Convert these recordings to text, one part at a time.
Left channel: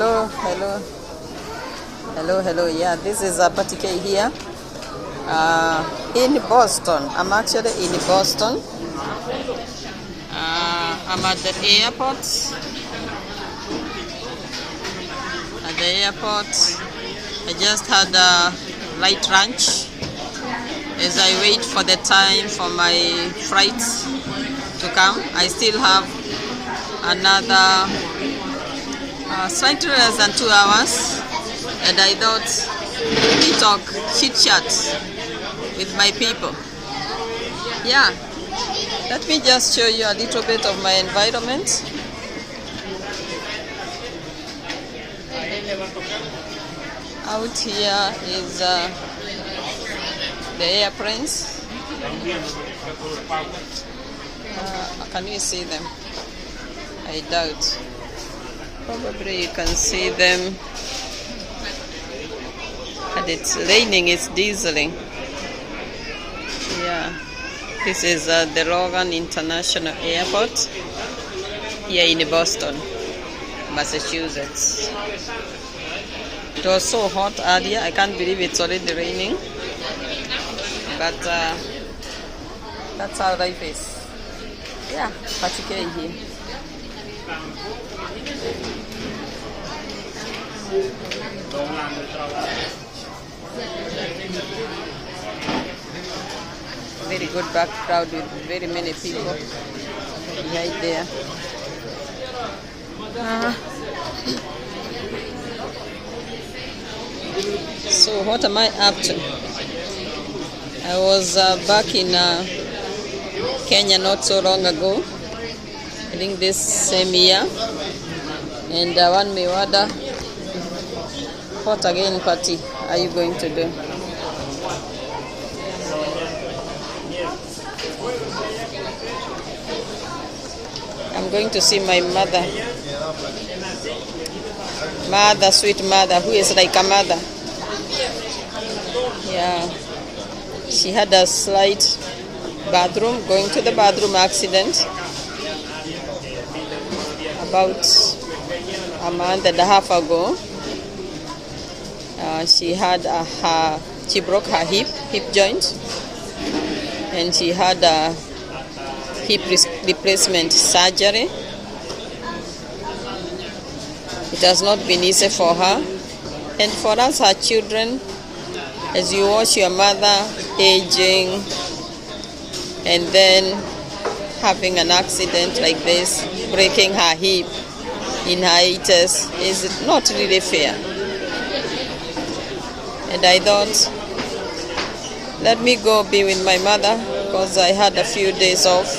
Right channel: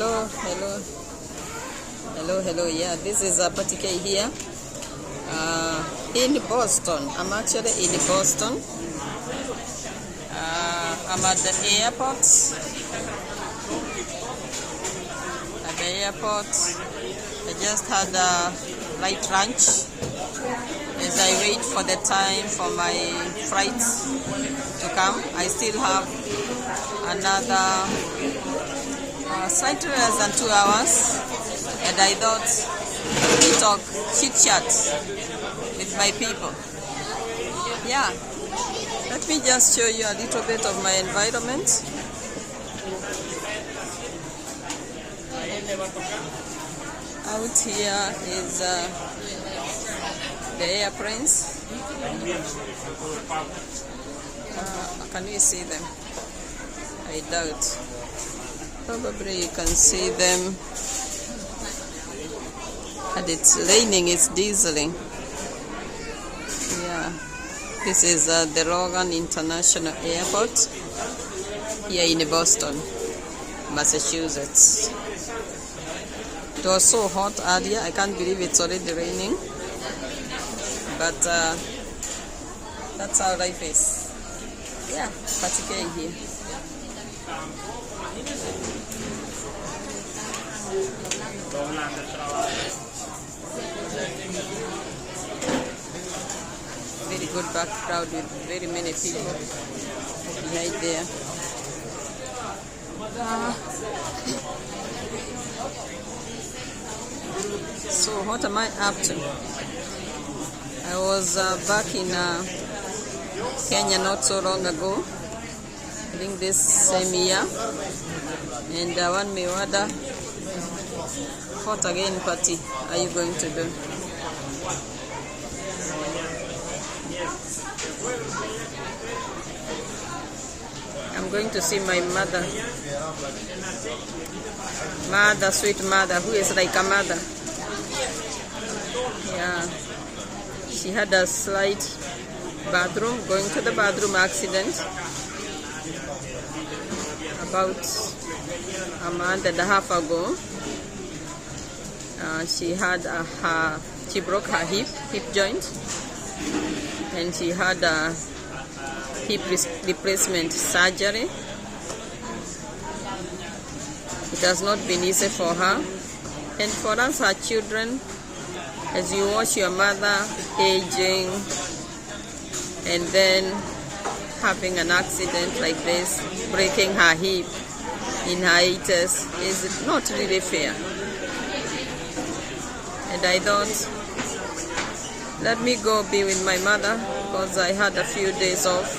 Hello. Yeah, this is Patike here in Boston. I'm actually in Boston. I'm at the airport. I just had a light lunch as I wait for the time for my flight to come. I still have another slightly less than 2 hours, and I thought we talk chit chat with my people. Yeah, let me just show you a little bit of my environment. Out here is the airplanes. Can you see them? I doubt. Probably you can see them. And it's raining, it's drizzling. Yeah, this is the Logan International Airport here in Boston, Massachusetts. It was so hot earlier, I can't believe it's already raining. But that's how life is. Yeah, particularly here. Very good background with very many people behind there. So what am I up to? I was back in Kenya not so long ago. I think this same year. And one may wonder, what again party are you going to do? I'm going to see my mother, sweet mother, who is like a mother. Yeah, she had a slight going to the bathroom accident about a month and a half ago. She broke her hip joint, and she had a hip replacement surgery. It has not been easy for her, and for us, her children, as you watch your mother aging and then having an accident like this, breaking her hip in her 80s, is not really fair. And I thought, let me go be with my mother, because I had a few days off.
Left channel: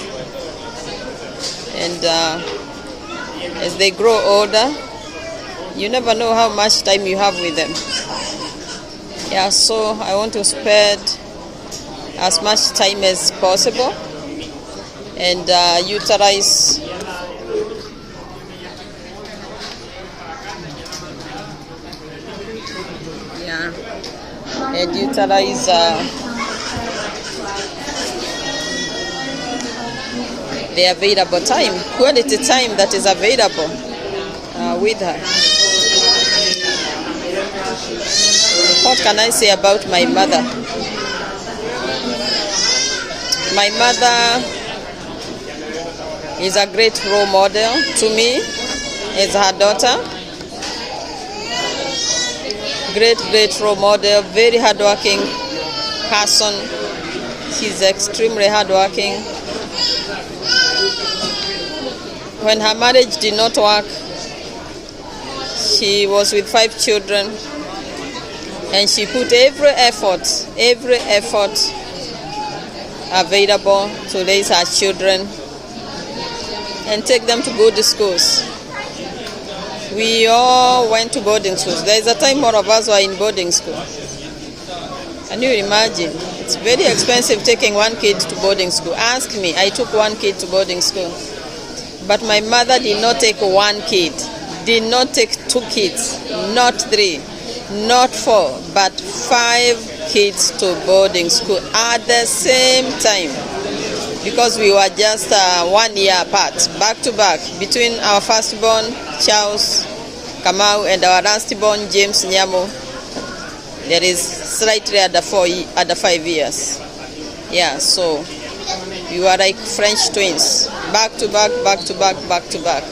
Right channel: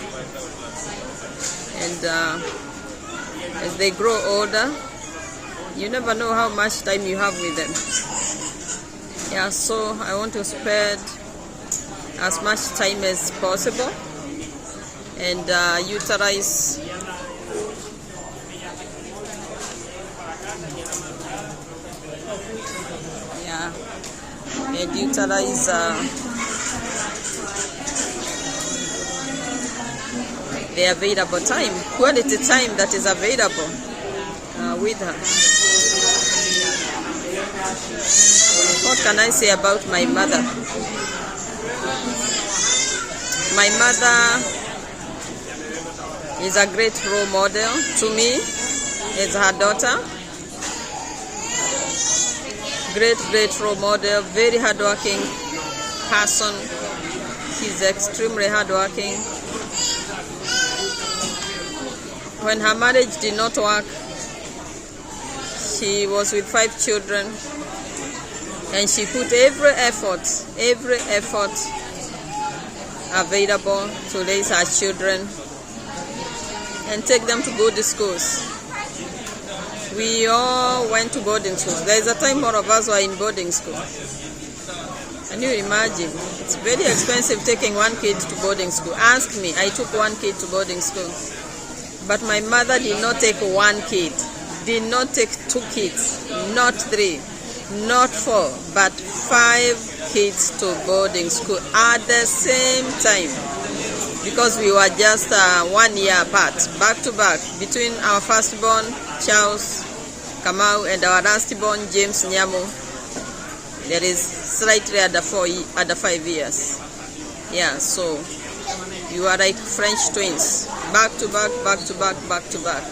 And as they grow older, you never know how much time you have with them. Yeah, so I want to spend as much time as possible and utilize the available time, quality time that is available with her. What can I say about my mother? My mother is a great role model to me as her daughter. Great role model, very hardworking person. She's extremely hardworking. When her marriage did not work, she was with 5 children, and she put every effort available to raise her children and take them to good schools. We all went to boarding schools. There is a time more of us were in boarding school. Can you imagine? It's very expensive taking one kid to boarding school. Ask me, I took one kid to boarding school. But my mother did not take one kid, did not take 2 kids, not 3, not 4, but 5 kids to boarding school at the same time. Because we were just 1 year apart, back to back, between our firstborn, Charles, Kamau, and our last born, James Nyamo. There is slightly under 5 years. Yeah, so you are like French twins, back to back, back to back, back to back.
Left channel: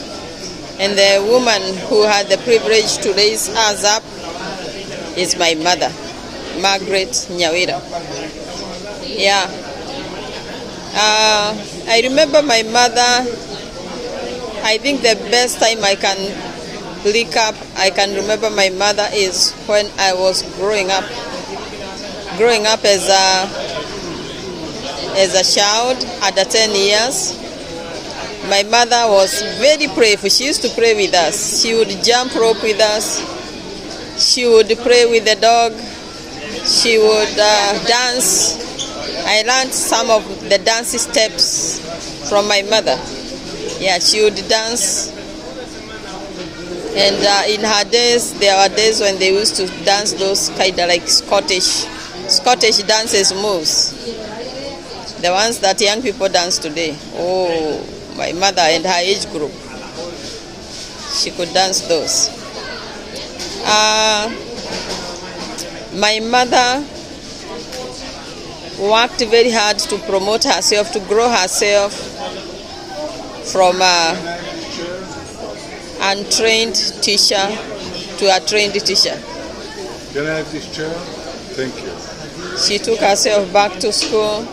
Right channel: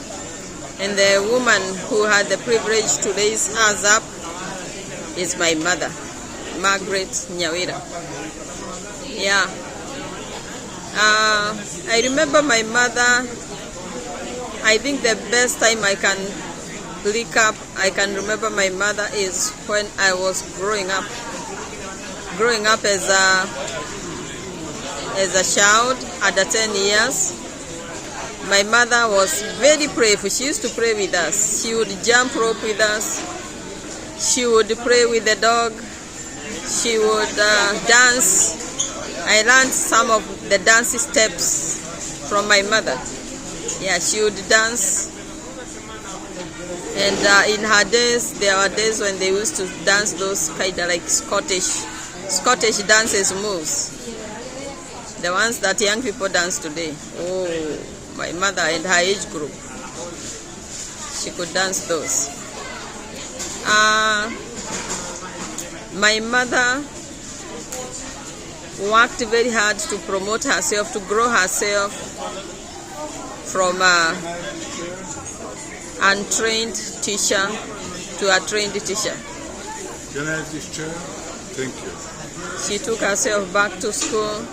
And the woman who had the privilege to raise us up is my mother, Margaret Nyawira. Yeah. I remember my mother. I think the best time I can remember my mother is when I was growing up as a child under 10 years. My mother was very prayerful. She used to pray with us. She would jump rope with us. She would pray with the dog. She would dance. I learned some of the dance steps from my mother. Yeah, she would dance. And in her days, there were days when they used to dance those kind of like Scottish dances moves. The ones that young people dance today. Oh, my mother and her age group, she could dance those. My mother worked very hard to promote herself, to grow herself from an untrained teacher to a trained teacher. Can I have this chair? Thank you. She took herself back to school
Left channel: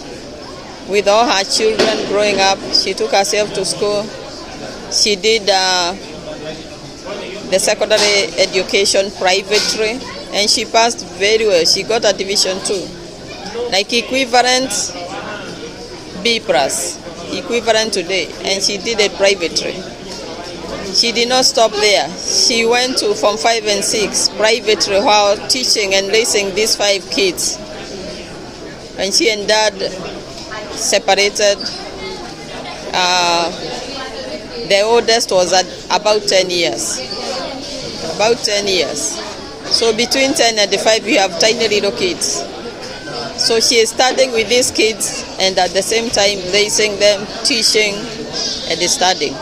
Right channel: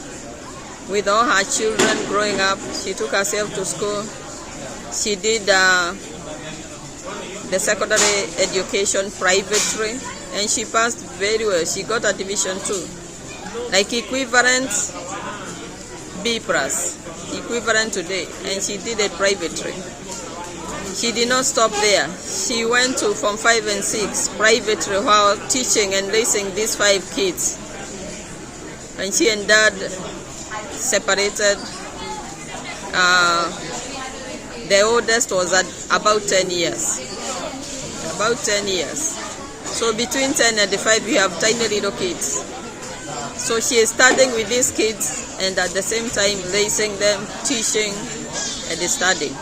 with all her children growing up. She took herself to school. She did the secondary education privately, and she passed very well. She got a division 2, like equivalent B+, equivalent today, and she did it privately. She did not stop there. She went to Form 5 and 6 privately while teaching and raising these 5 kids. When she and Dad separated, the oldest was at about 10 years. About 10 years. So between 10 and 5, you have tiny little kids. So she is studying with these kids and at the same time raising them, teaching, and studying.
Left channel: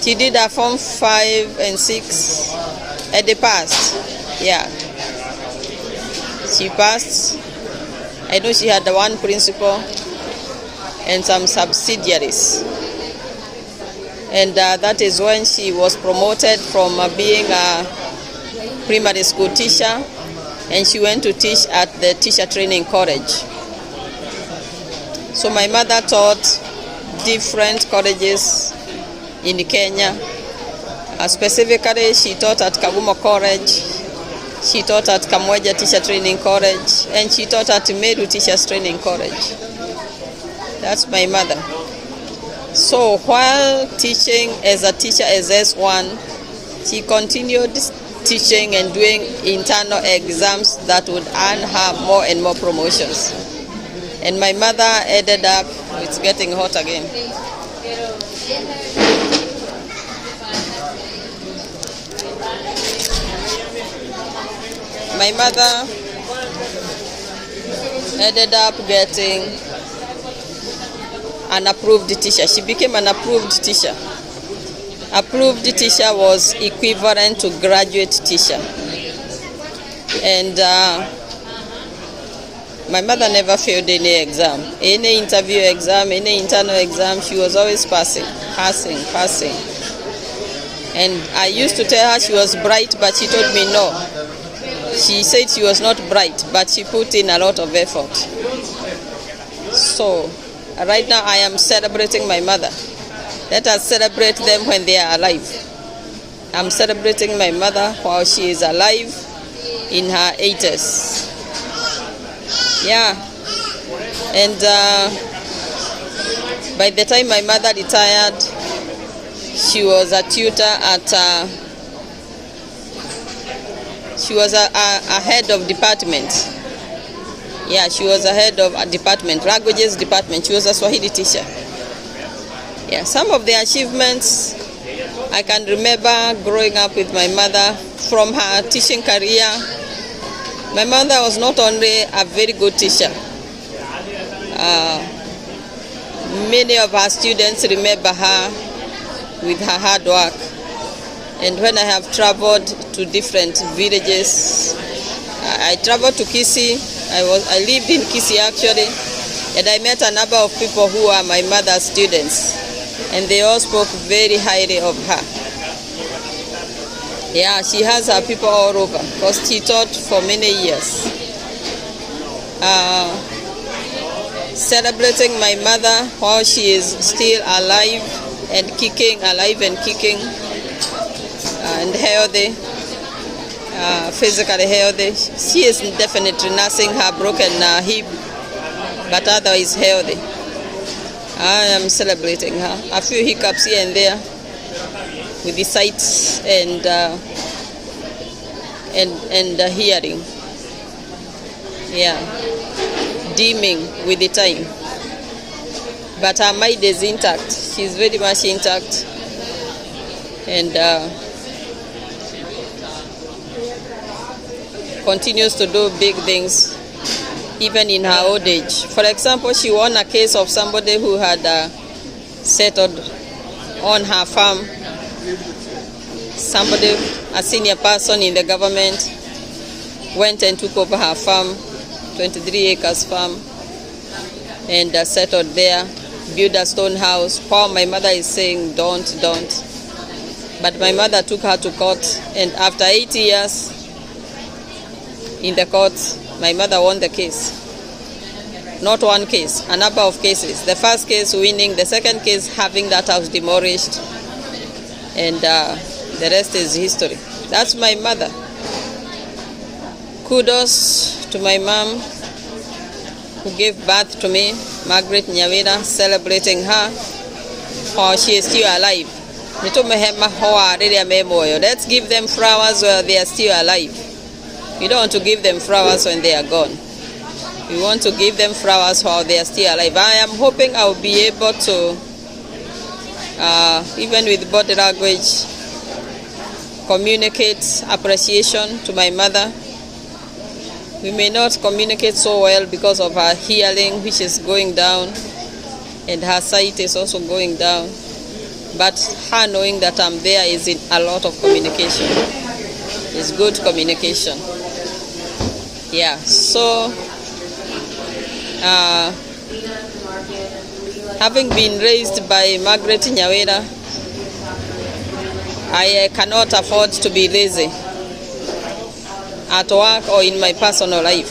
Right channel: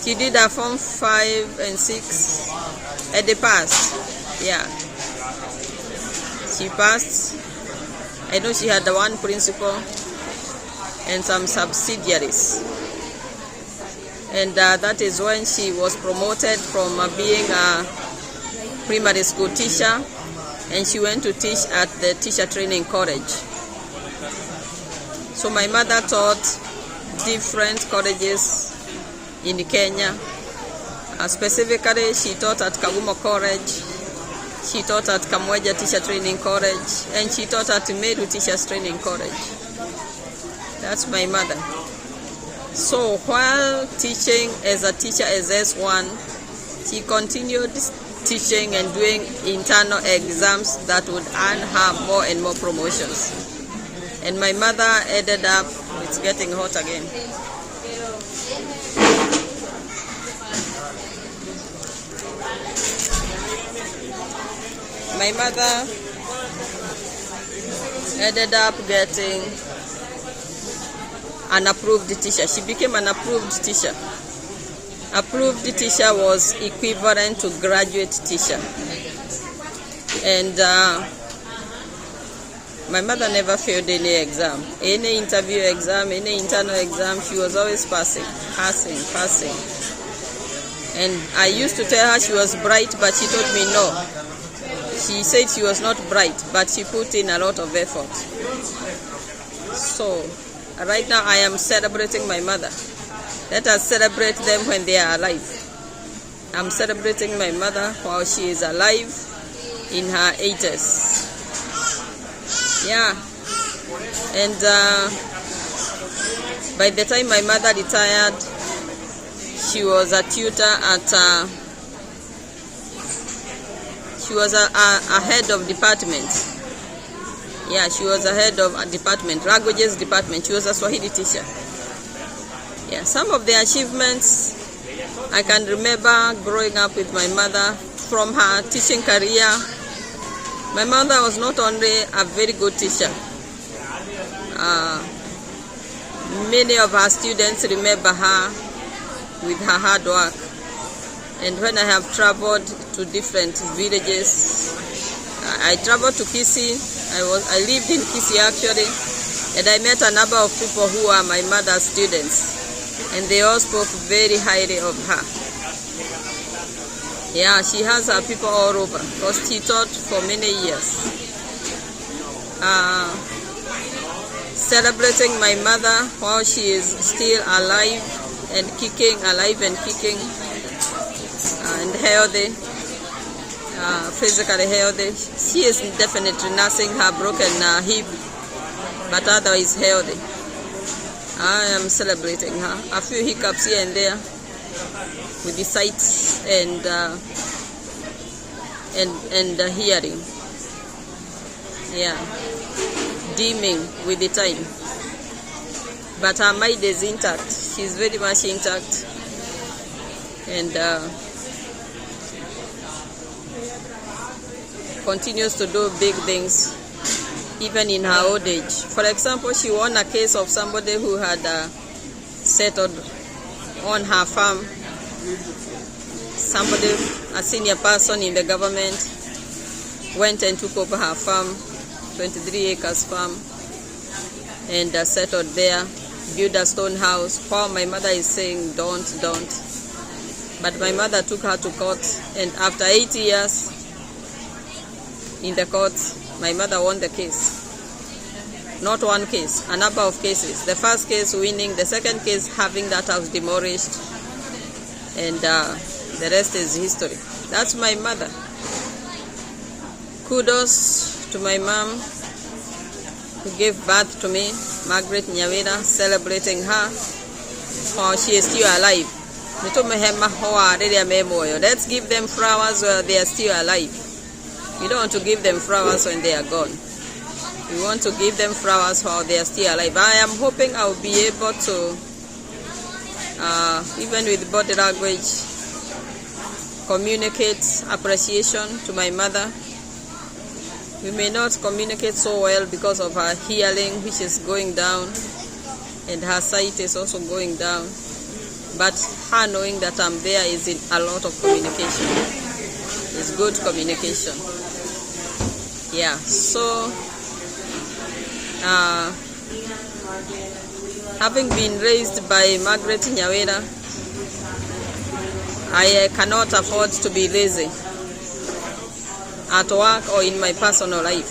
She did her Form 5 and 6 and they passed. Yeah. She passed. I know she had one principal and some subsidiaries. And that is when she was promoted from being a primary school teacher, and she went to teach at the teacher training college. So my mother taught different colleges in Kenya. Specifically, she taught at Kagumo College, she taught at Kamweja Teacher Training College, and she taught at Meru Teachers Training College. That's my mother. So while teaching as a teacher as S1, she continued teaching and doing internal exams that would earn her more and more promotions. And my mother ended up, it's getting hot again. My mother ended up getting an approved teacher. She became an approved teacher. Approved teacher was equivalent to graduate teacher. And my mother never failed any exam. Any interview exam, any internal exam, she was always passing. And I used to tell her she was bright, but she told me no. She said she was not bright, but she put in a lot of effort. So right now I am celebrating my mother. Let us celebrate them when they are alive. I'm celebrating my mother while she is alive in her 80s. Yeah. And by the time my mother retired, she was a tutor at she was a head of department. Yeah, she was a head of a department, languages department. She was a Swahili teacher. Yeah, some of the achievements I can remember growing up with my mother from her teaching career. My mother was not only a very good teacher. Many of her students remember her with her hard work. And when I have traveled to different villages, I traveled to Kisii. I lived in Kisii actually, and I met a number of people who are my mother's students, and they all spoke very highly of her. Yeah, she has her people all over because she taught for many years. Celebrating my mother while she is still alive and kicking, and healthy, physically healthy. She is definitely nursing her broken hip, but otherwise healthy. I am celebrating her. A few hiccups here and there with the sight and hearing. Yeah, dimming with the time. But her mind is intact. She's very much intact. And continues to do big things even in her old age. For example, she won a case of somebody who had settled on her farm. Somebody, a senior person in the government, went and took over her farm, 23 acres farm, and settled there, built a stone house. While my mother is saying, don't. But my mother took her to court, and after 8 years in the court, my mother won the case. Not one case, a number of cases. The first case winning, the second case having that house demolished, and the rest is history. That's my mother. Kudos to my mom who gave birth to me, Margaret Nyawira, celebrating her while she is still alive. Let's give them flowers while they are still alive. We don't want to give them flowers when they are gone. We want to give them flowers while they are still alive. I am hoping I will be able to, even with body language, communicate appreciation to my mother. We may not communicate so well because of her hearing, which is going down, and her sight is also going down. But her knowing that I'm there is in a lot of communication. It's good communication. Yeah, so having been raised by Margaret Nyawira, I cannot afford to be lazy at work or in my personal life.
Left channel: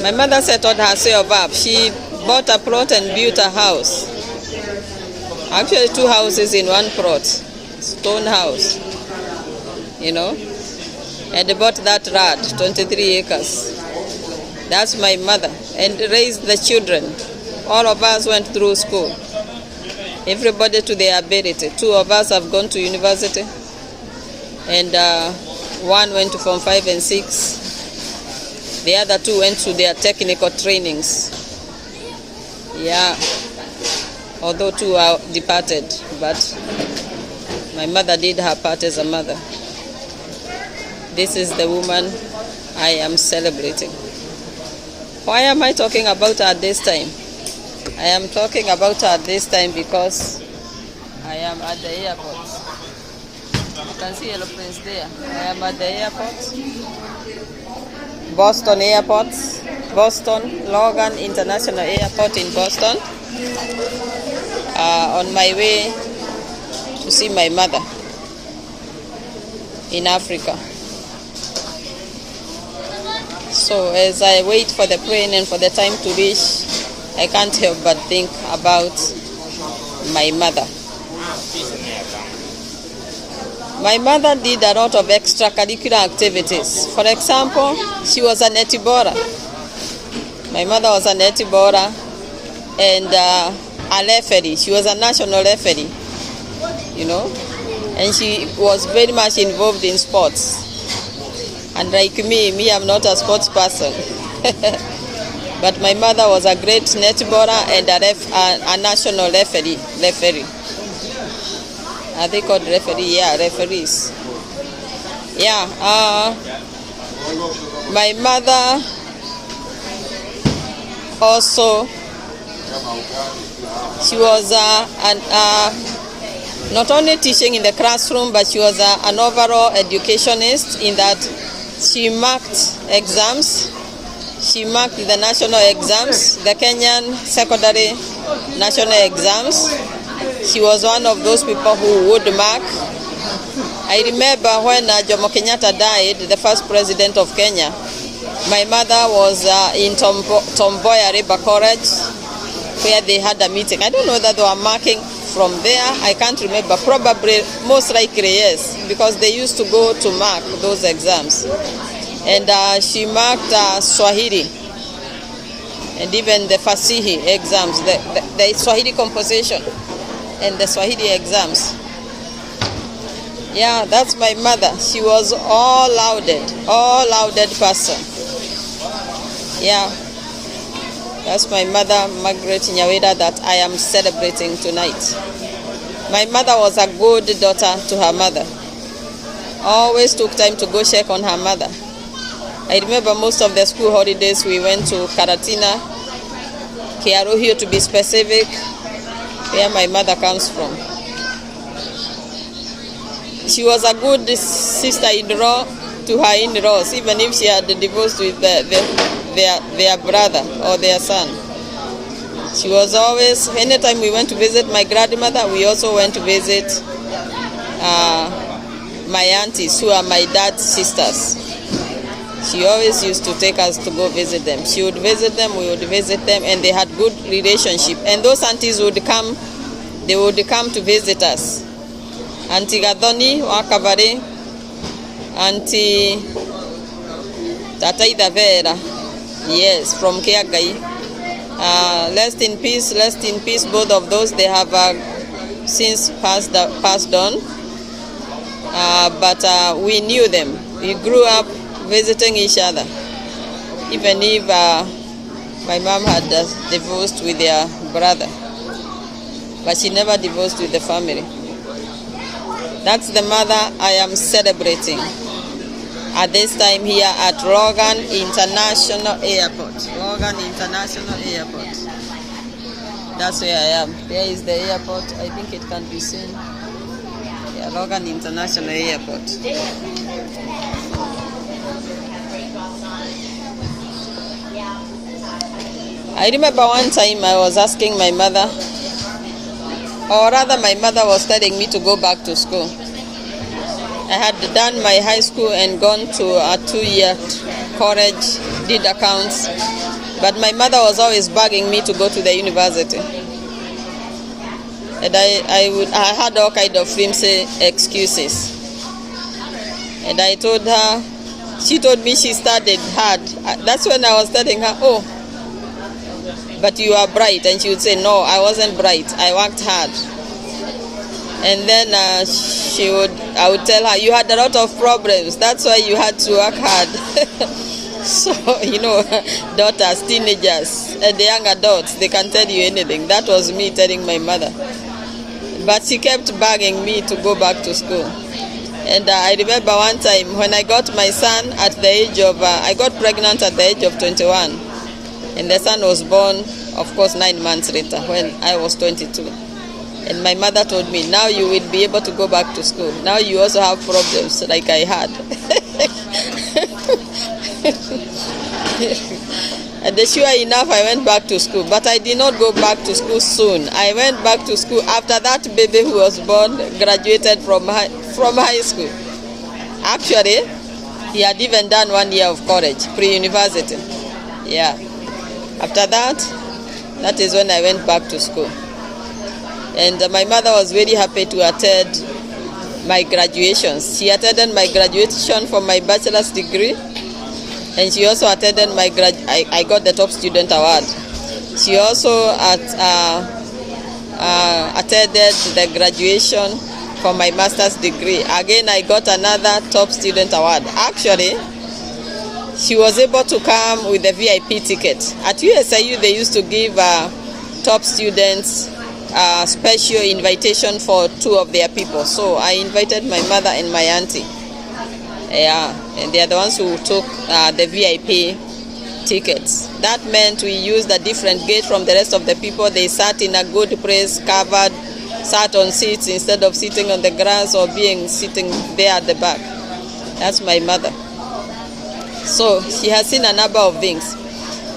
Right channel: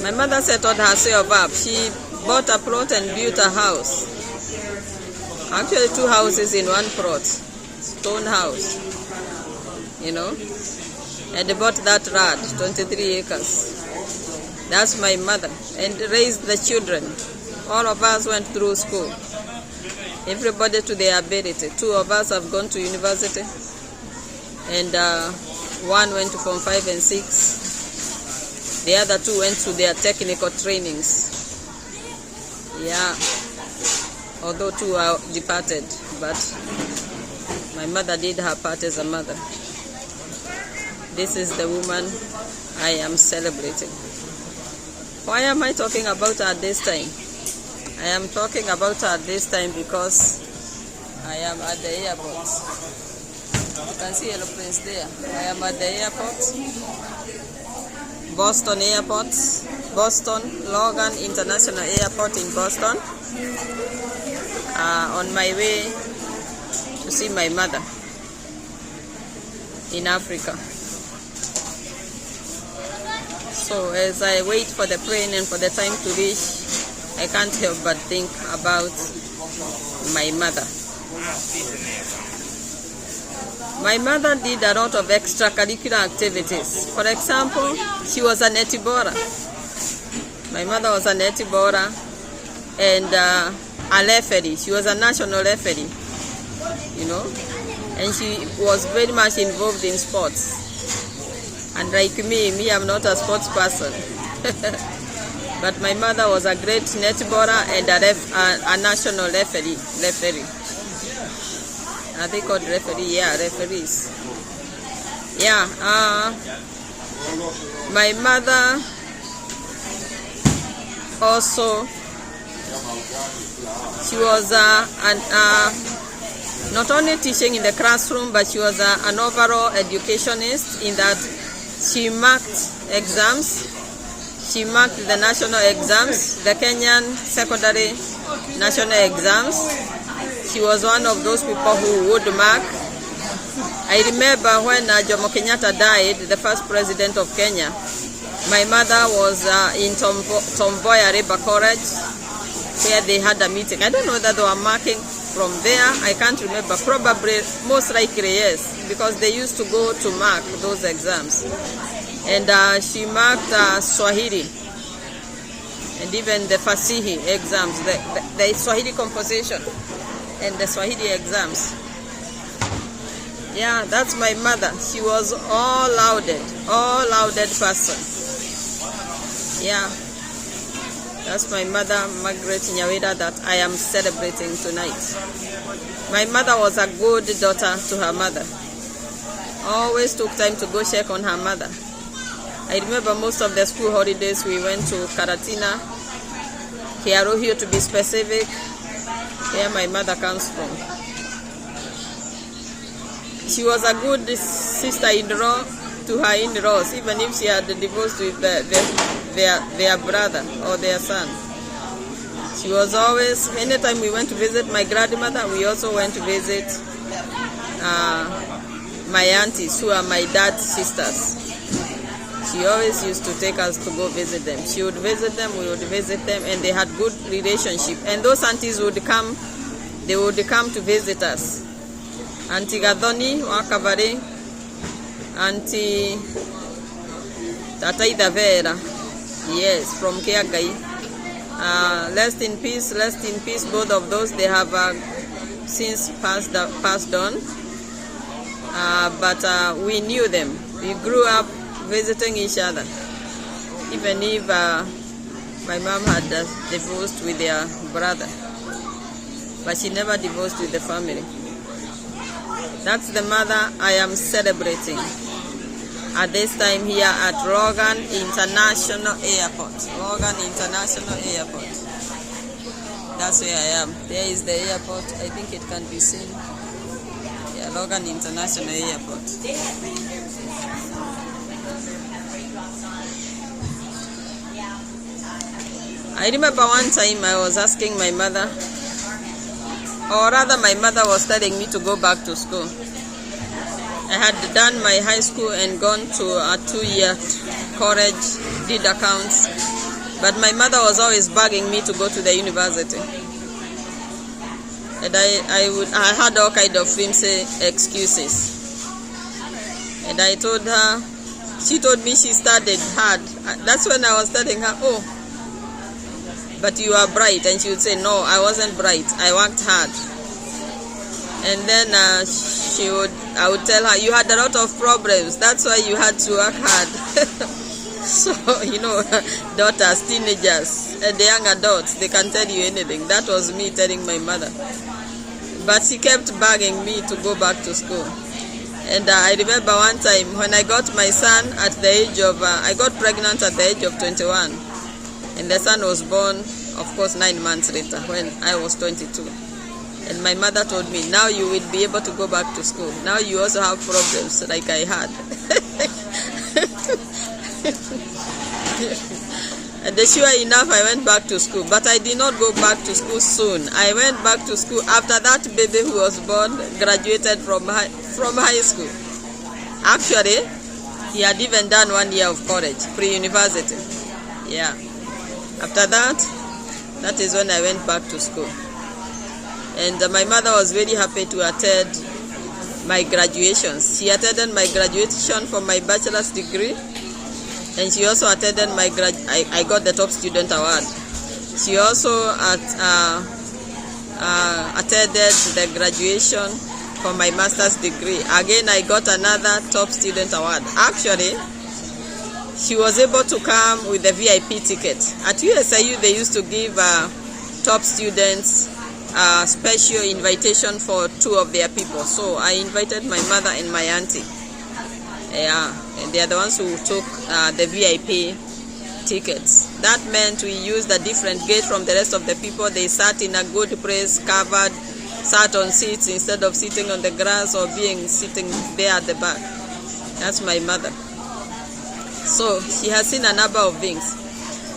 My mother settled herself up. She bought a plot and built a house. Actually, 2 houses in one plot, stone house, and they bought that land, 23 acres. That's my mother, and raised the children. All of us went through school, everybody to their ability. 2 of us have gone to university, and 1 went to Form 5 and 6. The other 2 went to their technical trainings. Yeah. Although 2 are departed, but my mother did her part as a mother. This is the woman I am celebrating. Why am I talking about her at this time? I am talking about her at this time because I am at the airport. You can see aeroplanes there. I am at the airport. Boston Airport. Boston, Logan International Airport in Boston. On my way to see my mother in Africa. So as I wait for the plane and for the time to reach, I can't help but think about my mother. My mother did a lot of extracurricular activities. For example, she was a netibora. My mother was a netibora and a referee. She was a national referee, and she was very much involved in sports. And like me, I'm not a sports person. But my mother was a great netballer and a national referee. Are they called referee? Yeah, referees. Yeah. My mother also, she was not only teaching in the classroom, but she was an overall educationist in that she marked exams. She marked the national exams, the Kenyan secondary national exams. She was one of those people who would mark. I remember when Jomo Kenyatta died, the first president of Kenya, my mother was in Tomboya River College, where they had a meeting. I don't know whether they were marking from there. I can't remember. Probably, most likely, yes, because they used to go to mark those exams. And she marked Swahili and even the Fasihi exams, the Swahili composition and the Swahili exams. Yeah, that's my mother. She was all-lauded person. Yeah, that's my mother, Margaret Nyaweda, that I am celebrating tonight. My mother was a good daughter to her mother. Always took time to go check on her mother. I remember most of the school holidays we went to Karatina, Kiaruhio to be specific, where my mother comes from. She was a good sister-in-law to her in-laws, even if she had divorced with their brother or their son. She was always, anytime we went to visit my grandmother, we also went to visit my aunties, who are my dad's sisters. She always used to take us to go visit them. She would visit them, we would visit them, and they had good relationship. And those aunties would come, they would come to visit us. Auntie Gadoni Wakabare, Auntie Tataida Vera, yes, from Kiagai. Rest in peace, both of those. They have since passed on. But we knew them. We grew up visiting each other. Even if my mom had divorced with their brother. But she never divorced with the family. That's the mother I am celebrating at this time here at Logan International Airport. Logan International Airport. That's where I am. There is the airport. I think it can be seen. Yeah, Logan International Airport. I remember one time I was asking my mother, or rather my mother was telling me to go back to school. I had done my high school and gone to a 2-year college, did accounts, but my mother was always bugging me to go to the university. And I had all kind of flimsy excuses. And I told her, she told me she studied hard. That's when I was telling her, oh, but you are bright. And she would say, no, I wasn't bright. I worked hard. And then I would tell her, you had a lot of problems. That's why you had to work hard. So, daughters, teenagers, and the young adults, they can tell you anything. That was me telling my mother. But she kept bugging me to go back to school. And I remember one time when I got my son at the age of, I got pregnant at the age of 21. And the son was born, of course, 9 months later when I was 22. And my mother told me, now you will be able to go back to school. Now you also have problems like I had. And sure enough, I went back to school. But I did not go back to school soon. I went back to school after that baby who was born graduated from high school. Actually, he had even done 1 year of college, pre-university. Yeah. After that is when I went back to school. And my mother was very happy to attend my graduations. She attended my graduation for my bachelor's degree. And she also attended I got the top student award. She also attended the graduation for my master's degree. Again, I got another top student award. Actually, she was able to come with a VIP ticket. At USIU, they used to give top students a special invitation for 2 of their people. So I invited my mother and my auntie. Yeah, and they are the ones who took the VIP tickets. That meant we used a different gate from the rest of the people. They sat in a good place, covered sat on seats instead of sitting on the grass or sitting there at the back. That's my mother. So she has seen a number of things.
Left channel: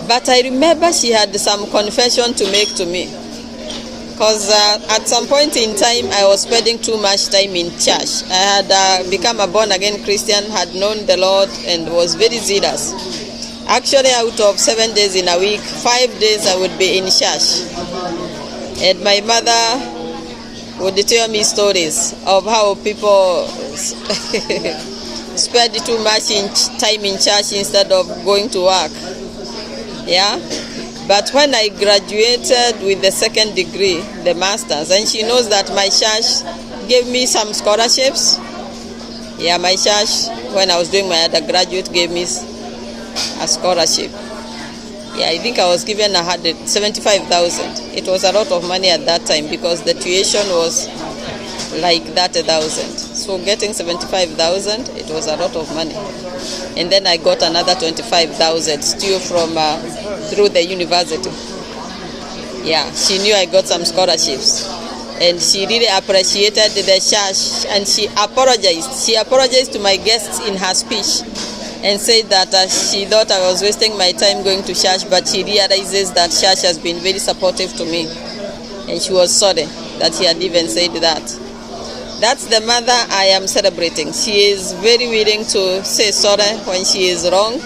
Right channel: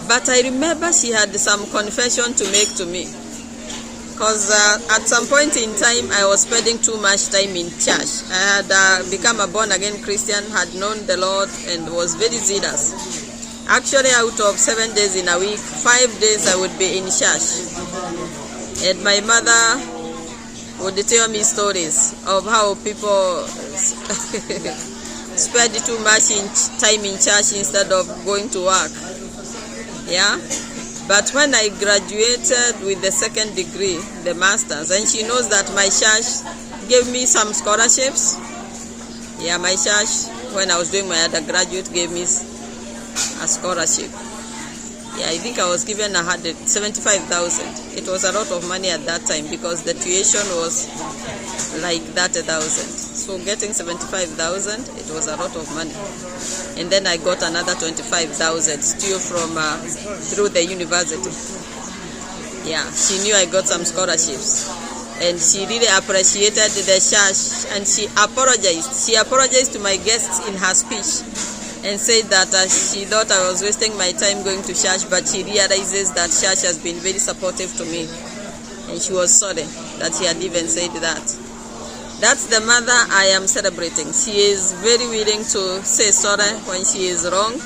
But I remember she had some confession to make to me. Because at some point in time, I was spending too much time in church. I had become a born-again Christian, had known the Lord, and was very zealous. Actually, out of 7 days in a week, 5 days I would be in church. And my mother would tell me stories of how people spend too much time in church instead of going to work. Yeah? But when I graduated with the second degree, the master's, and she knows that my church gave me some scholarships. Yeah, my church, when I was doing my undergraduate, gave me a scholarship. Yeah, I think I was given 75,000. It was a lot of money at that time because the tuition was like 30,000. So getting 75,000, it was a lot of money. And then I got another 25,000 still from through the university. Yeah, she knew I got some scholarships, and she really appreciated the church. And she apologized. She apologized to my guests in her speech, and said that she thought I was wasting my time going to church, but she realizes that church has been very supportive to me, and she was sorry that she had even said that. That's the mother I am celebrating. She is very willing to say sorry when she is wrong,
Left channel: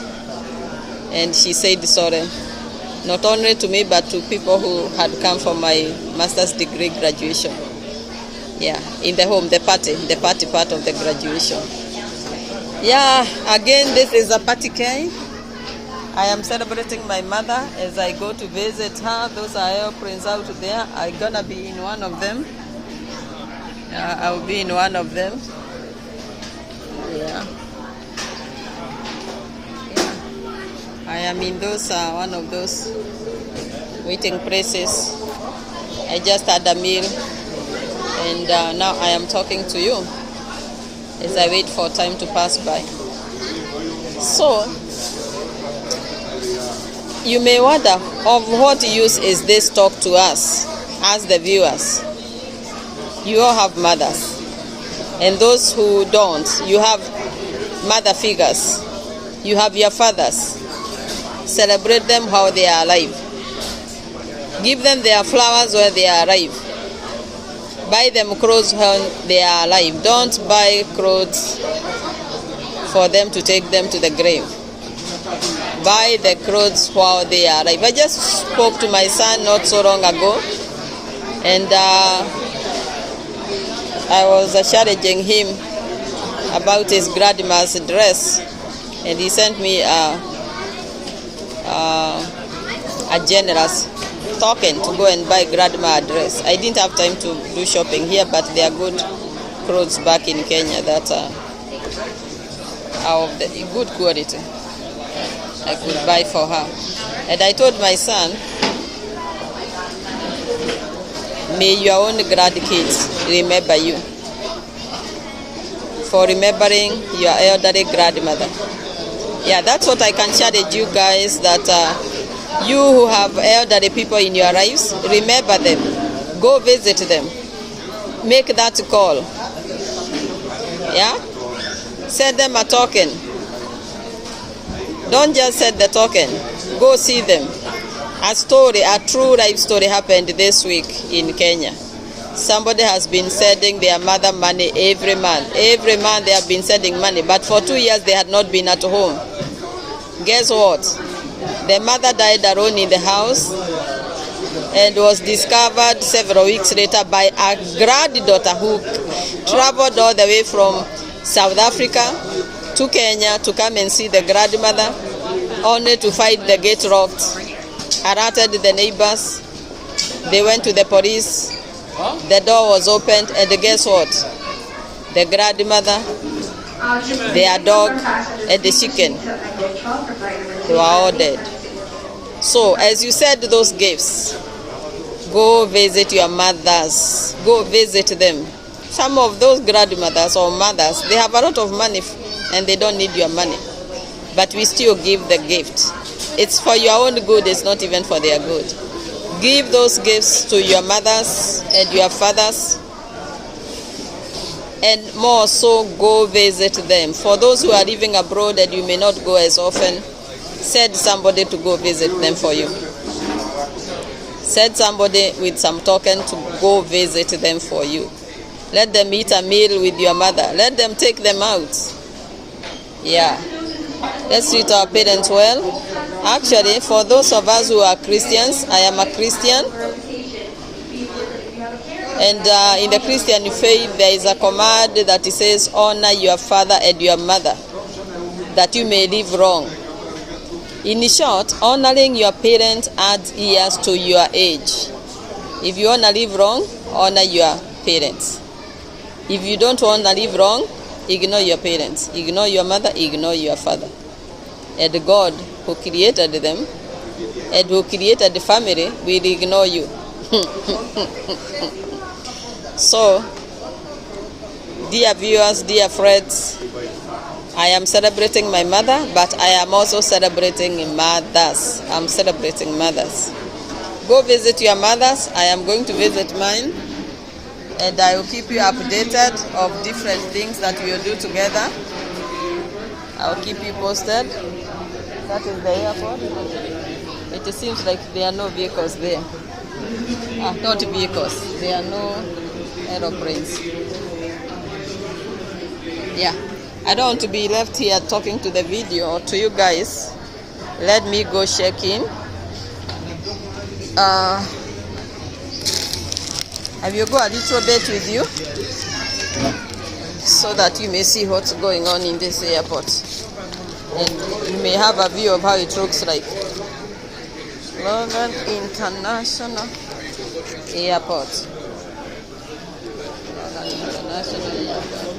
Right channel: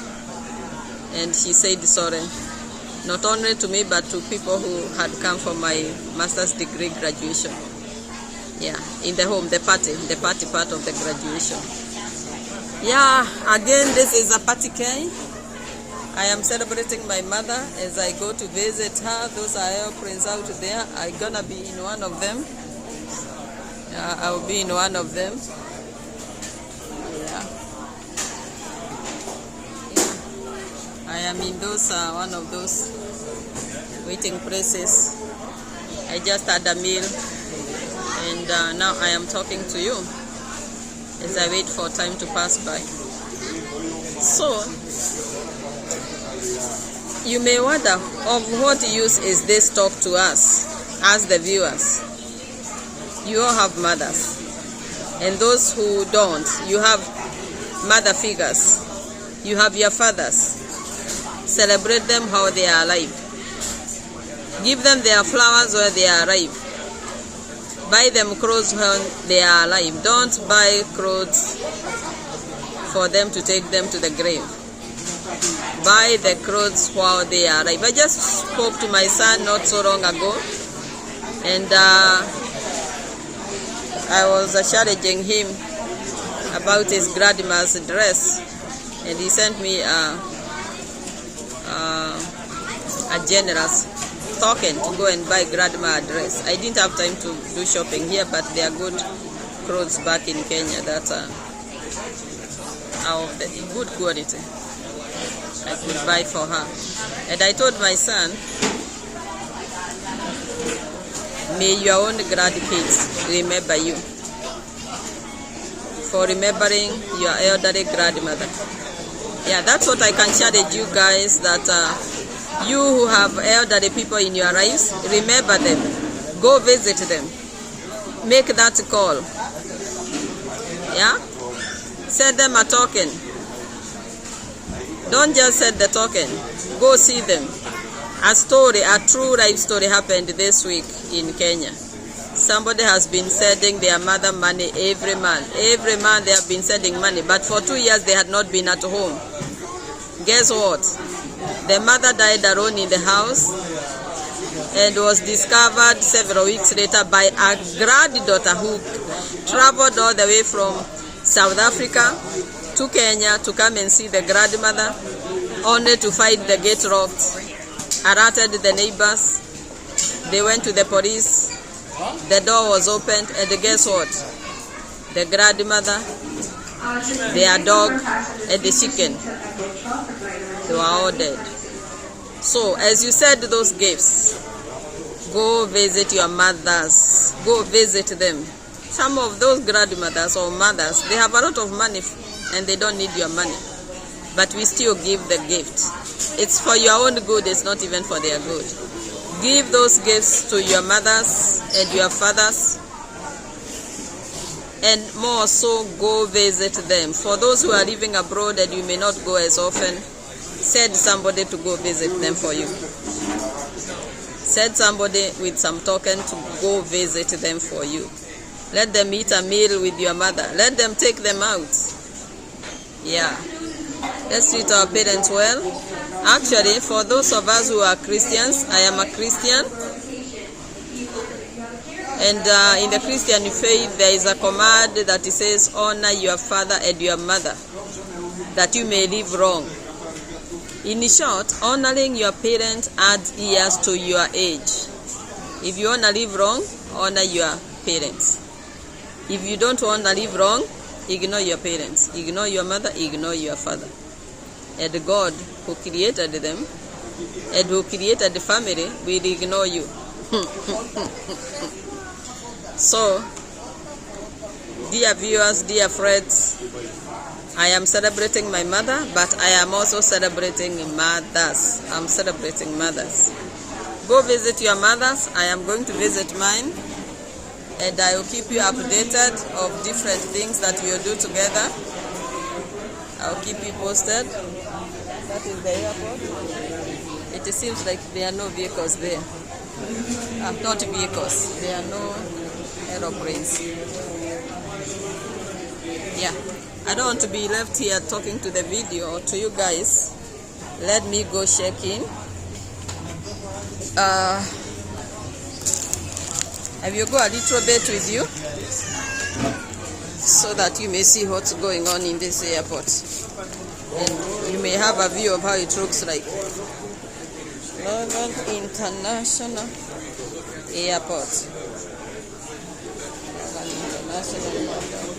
and she said sorry, not only to me but to people who had come for my master's degree graduation. Yeah, in the home, the party part of the graduation. Yeah, again, this is a party cake. I am celebrating my mother as I go to visit her. Those are airplanes out there. I'm gonna be in one of them. I'll be in one of them. Yeah. I am in those one of those waiting places. I just had a meal, and now I am talking to you as I wait for time to pass by. So you may wonder, of what use is this talk to us as the viewers? You all have mothers, and those who don't, you have mother figures. You have your fathers. Celebrate them while they are alive. Give them their flowers while they are alive. Buy them clothes when they are alive. Don't buy clothes for them to take them to the grave. Buy the clothes while they are alive. I just spoke to my son not so long ago, and I was challenging him about his grandma's dress, and he sent me a generous token to go and buy grandma a dress. I didn't have time to do shopping here, but they are good clothes back in Kenya that are of the good quality. I could buy for her. And I told my son, may your own grandkids remember you for remembering your elderly grandmother. Yeah, that's what I can challenge you guys, that you who have elderly people in your lives, remember them. Go visit them. Make that call. Yeah? Send them a token. Don't just send the token. Go see them. A true life story happened this week in Kenya. Somebody has been sending their mother money every month. Every month they have been sending money, but for 2 years they had not been at home. Guess what? The mother died alone in the house and was discovered several weeks later by a granddaughter who traveled all the way from South Africa to Kenya to come and see the grandmother, only to find the gate locked. Alerted the neighbors. They went to the police. The door was opened, and guess what? The grandmother, their dog, and the chicken, they were all dead. So, as you said those gifts, go visit your mothers. Go visit them. Some of those grandmothers or mothers, they have a lot of money and they don't need your money. But we still give the gift. It's for your own good, it's not even for their good. Give those gifts to your mothers and your fathers, and more so go visit them. For those who are living abroad and you may not go as often, send somebody to go visit them for you. Send somebody with some token to go visit them for you. Let them eat a meal with your mother. Let them take them out. Yeah. Let's treat our parents well. Actually, for those of us who are Christians, I am a Christian. And in the Christian faith, there is a command that it says, honor your father and your mother, that you may live long. In short, honoring your parents adds years to your age. If you want to live long, honor your parents. If you don't want to live long, ignore your parents. Ignore your mother, ignore your father. And God, who created them, and who created the family, will ignore you. So, dear viewers, dear friends, I am celebrating my mother, but I am also celebrating mothers. I'm celebrating mothers. Go visit your mothers. I am going to visit mine, and I will keep you updated of different things that we will do together. I'll keep you posted. That is the airport. It seems like there are no vehicles there. Not vehicles. There are no aeroplanes. Yeah. I don't want to be left here talking to the video or to you guys. Let me go check in. I will go a little bit with you so that you may see what's going on in this airport. And you may have a view of how it looks like. Logan International Airport. Logan International Airport.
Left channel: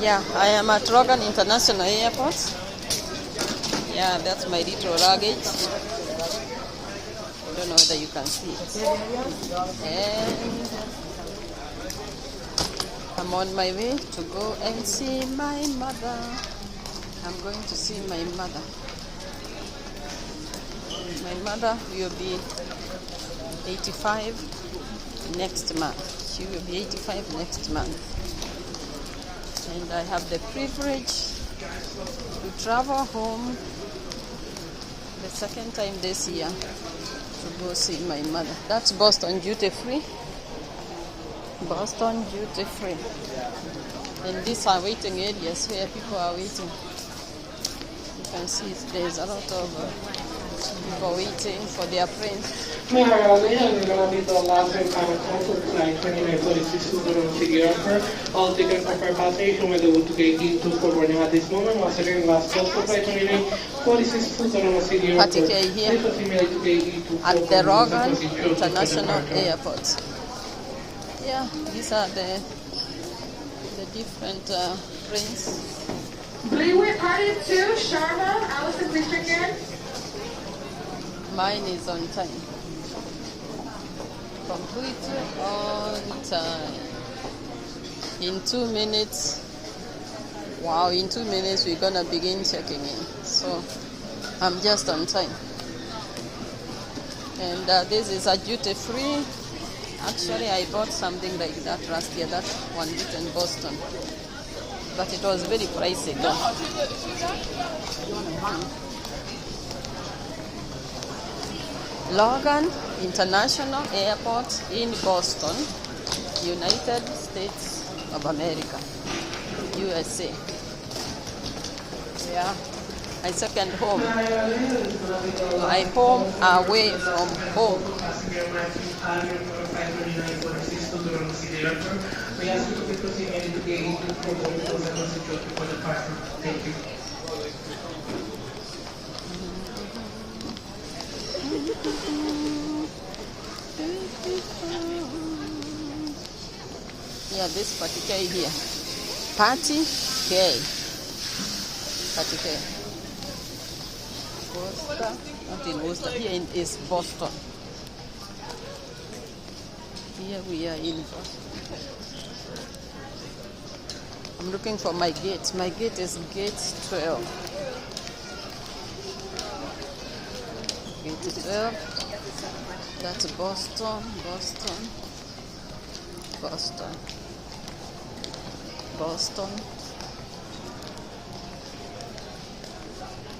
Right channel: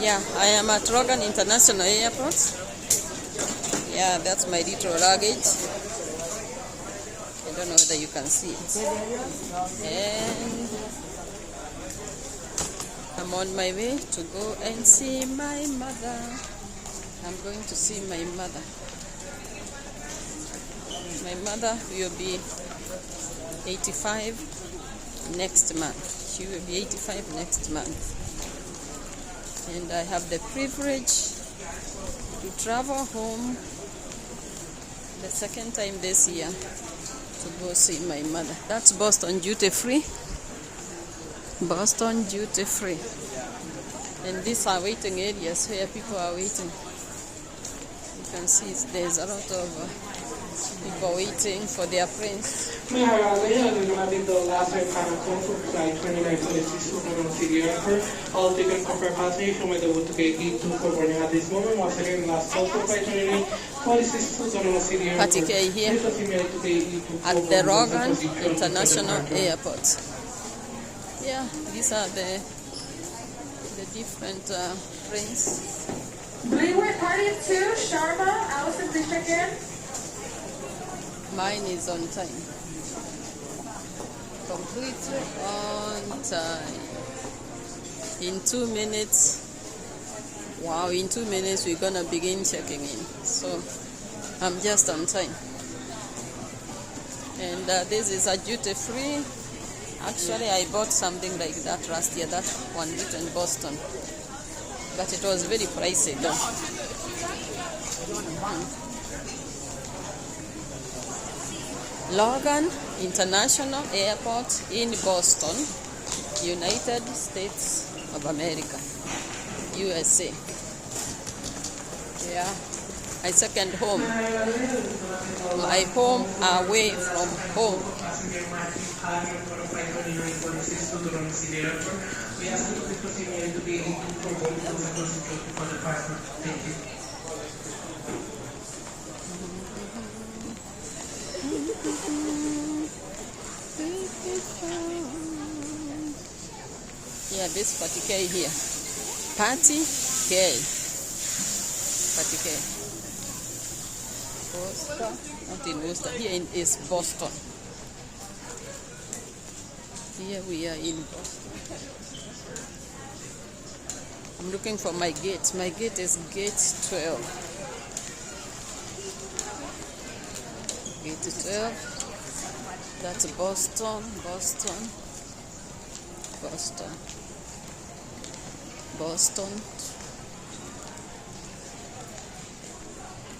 Yeah, I am at Logan International Airport. Yeah, that's my little luggage. I don't know whether you can see it. And I'm on my way to go and see my mother. I'm going to see my mother. My mother will be 85 next month. She will be 85 next month. And I have the privilege to travel home the second time this year to go see my mother. That's Boston duty free. Boston duty free. And these are waiting areas where people are waiting. You can see there's a lot of people waiting for their prince. All tickets for repatriation were delivered to gate 2 for boarding at this moment. Was there any last call for flight 29 46 to City Airport? Particularly here at the Logan International Airport. Yeah, these are the different prints. Bleewood Party of 2, Sharma, Allison, please check in. Mine is on time. completely on time. In 2 minutes, wow, in 2 minutes we're gonna begin checking in. So I'm just on time. And this is a duty free. Actually, I bought something like that last year, that one bit in Boston. But it was very pricey though. Logan International Airport in Boston, United States of America, USA. Yeah, my second home. My home away from home. We ask you to please proceed to gate 824 for the passport. Thank you. Yeah, this party K here. Party K. Party K. Worcester, not in Worcester. Here is Boston. Here we are in Boston. I'm looking for my gate. My gate is gate 12. Gate 12. That's Boston, Boston, Boston, Boston,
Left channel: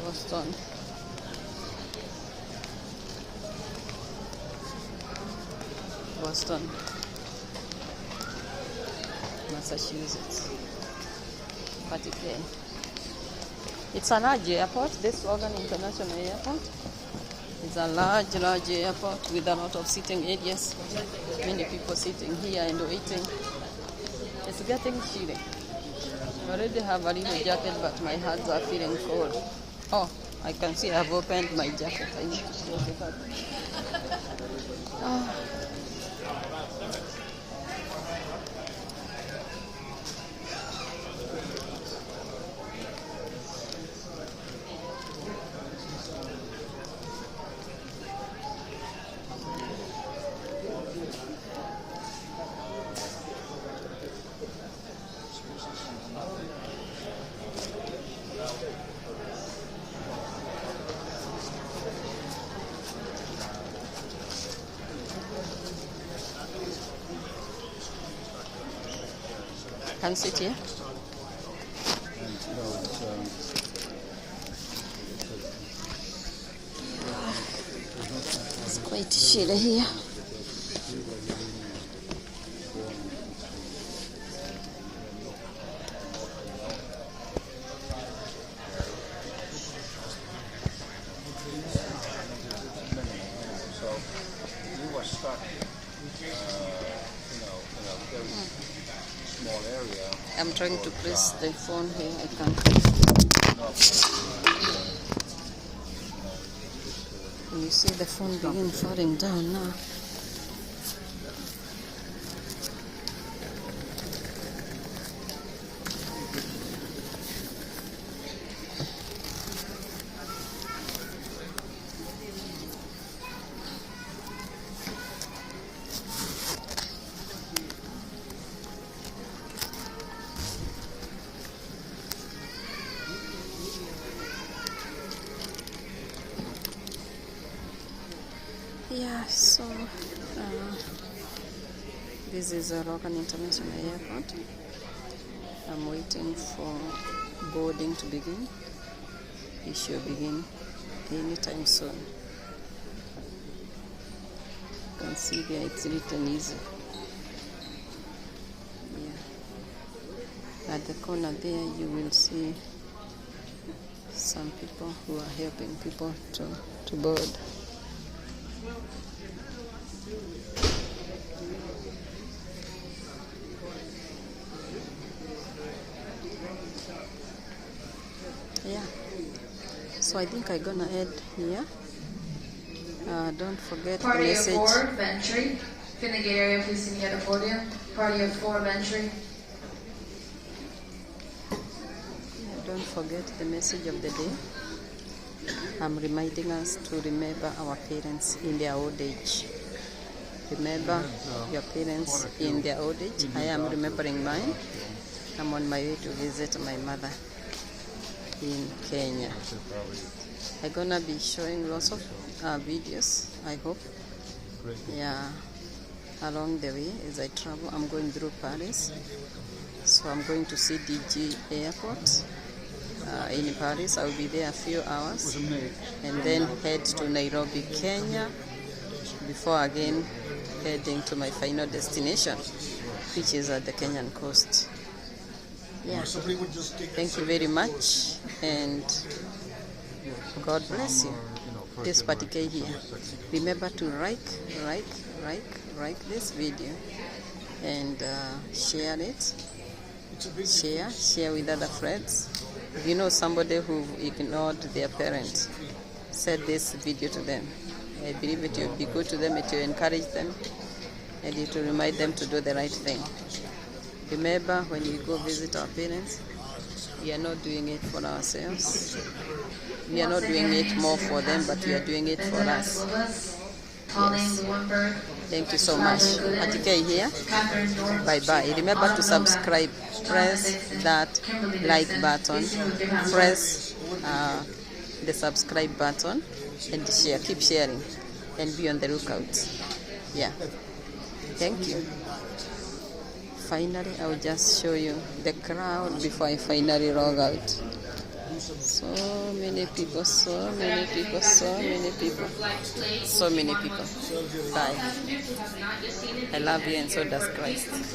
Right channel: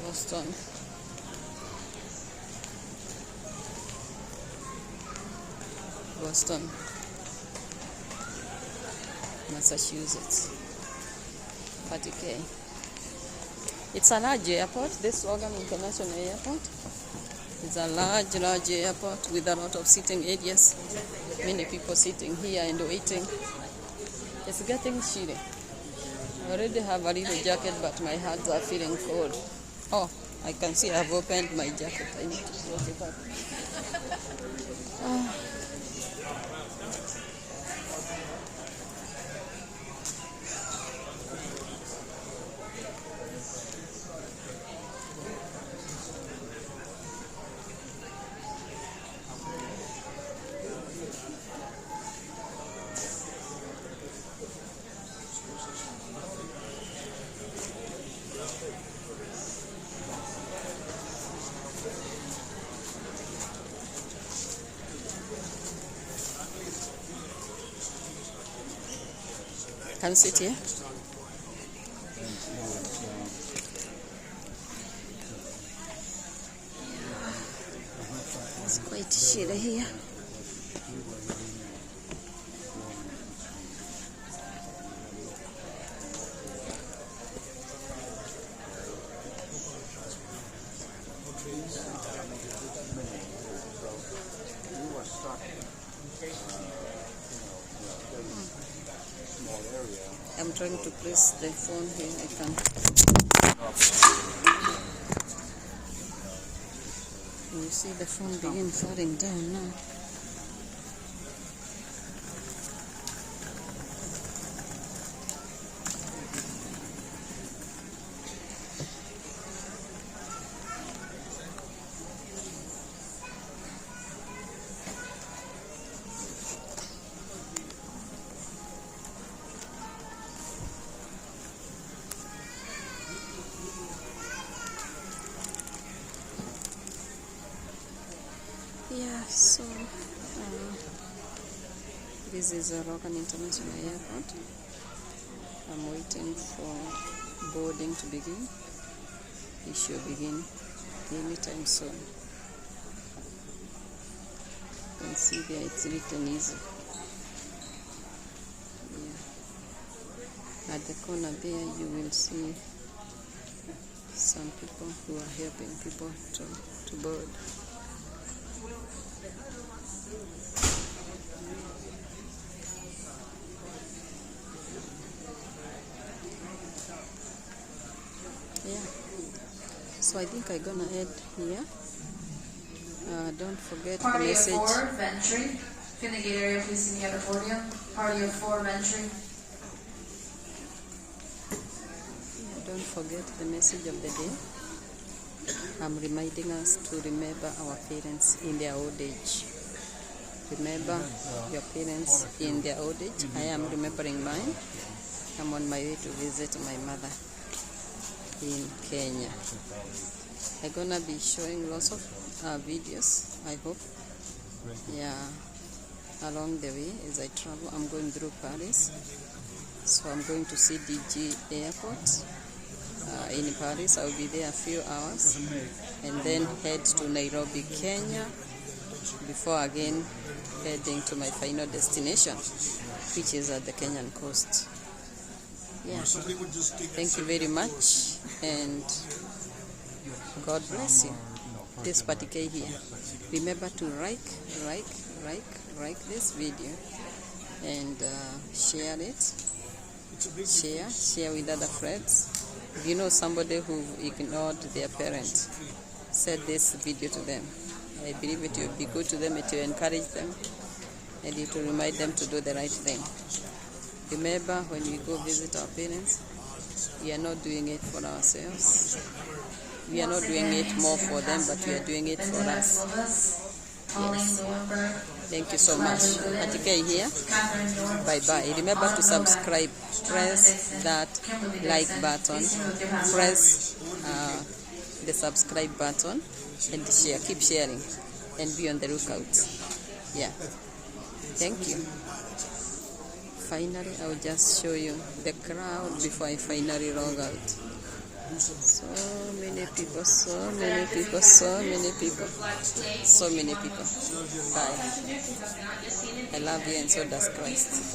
Boston. Boston, Massachusetts. Particular. It's a large airport. This Logan International Airport is a large airport with a lot of sitting areas. Many people sitting here and waiting. It's getting chilly. I already have a little jacket, but my hands are feeling cold. Oh, I can see I've opened my jacket. I need to close it up. Oh. Can you sit here? It's quite chilly here. I'm trying to press the phone here. I can't. You see the phone begin falling down now. Yeah, so this is a Logan International Airport. I'm waiting for boarding to begin. It should begin anytime soon. You can see there it's written easy. Yeah. At the corner there you will see some people who are helping people to board. Yeah, so I think I'm gonna add here. Don't forget the message. Party of 4, Ventry. In the gate area, please see me at the podium. Party of 4, Ventry. Yeah, don't forget the message of the day. I'm reminding us to remember our parents in their old age. Remember your parents in their old age. I am remembering mine. I'm on my way to visit my mother in Kenya. I'm gonna be showing lots of videos, I hope. Yeah, along the way as I travel, I'm going through Paris. So I'm going to see DG Airport in Paris. I'll be there a few hours and then head to Nairobi, Kenya, before again heading to my final destination, which is at the Kenyan coast. Yeah, thank you very much and God bless you. This particular here. Remember to like this video and share it. Share with other friends. If you know somebody who ignored their parents, send this video to them. I believe it will be good to them, it will encourage them, and it will remind them to do the right thing. Remember, when we go visit our parents, we are not doing it for ourselves. We are not doing it more for them, but we are doing it for us. Yes. Thank you so much. Atike here. Bye-bye. Remember to subscribe. Press that like button. Press the subscribe button and share. Keep sharing and be on the lookout. Yeah. Thank you. Finally, I will just show you the crowd before I finally log out. So many people, so many people, so many people, so many people. Bye. I love you and so does Christ.